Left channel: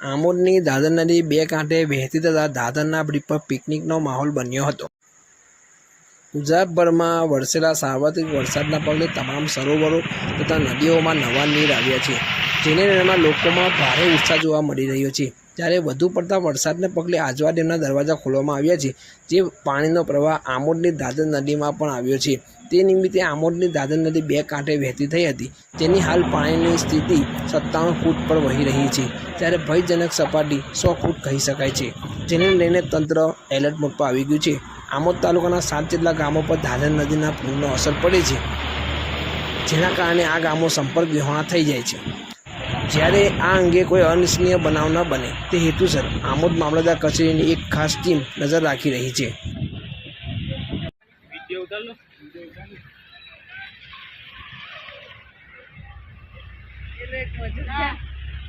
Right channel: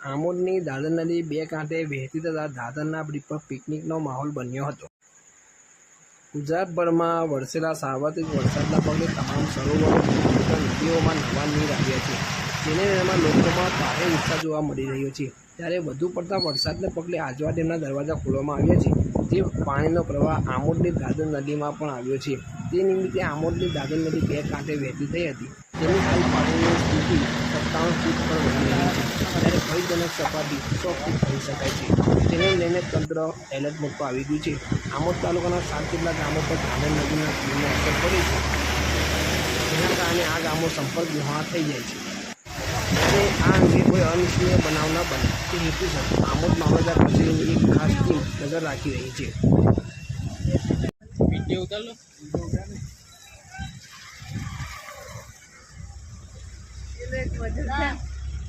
આમોદની દાદર નદી બે કાંઠે વહેતી થતાં દાદરના બ્રિજ પર પિકનિકનો માહોલ બન્યો હતો। ગુજરાતભરમાં વરસેલા સાર્વત્રિક વરસાદના પગલે તમામ સરોવરો તથા નદીઓમાં નવા નીર આવ્યા છે, જેને લઈને લોકોમાં ભારે ઉત્સાહ જોવા મળી રહ્યો છે। ત્યારે વધુ પડતા વરસાદને પગલે આજવા ડેમના દરવાજા ખોલવામાં આવ્યા છે, જે પાણીનો પ્રવાહ આમોદની દાદર નદીમાં પણ આવ્યો છે। તે નિમિત્તે આમોદની દાદર નદી બે કાંઠે વહેતી થઈ હતી, જેની હાલ પાણીની સ્થિતિ 57 ફૂટ પર વહી રહી છે, ત્યારે ભયજનક સપાટી 100 ફૂટ કહી શકાય છે, જેને લઈને તંત્ર એલર્ટ મોડ પર આવી ગયું છે। આમોદ તાલુકાના 7 જેટલા ગામો પર દાદર નદીના પૂરનો અસર પડે છે, જેના કારણે આ ગામો સંપર્ક વિહોણા થઈ જાય છે। જ્યારે આ અંગે કોઈ અનિચ્છનીય બનાવ ન બને તે હેતુસર આમોદ મામલતદાર કચેરીની એક ખાસ ટીમ નજર રાખી રહી છે। વિડીયો ઉતાર લો।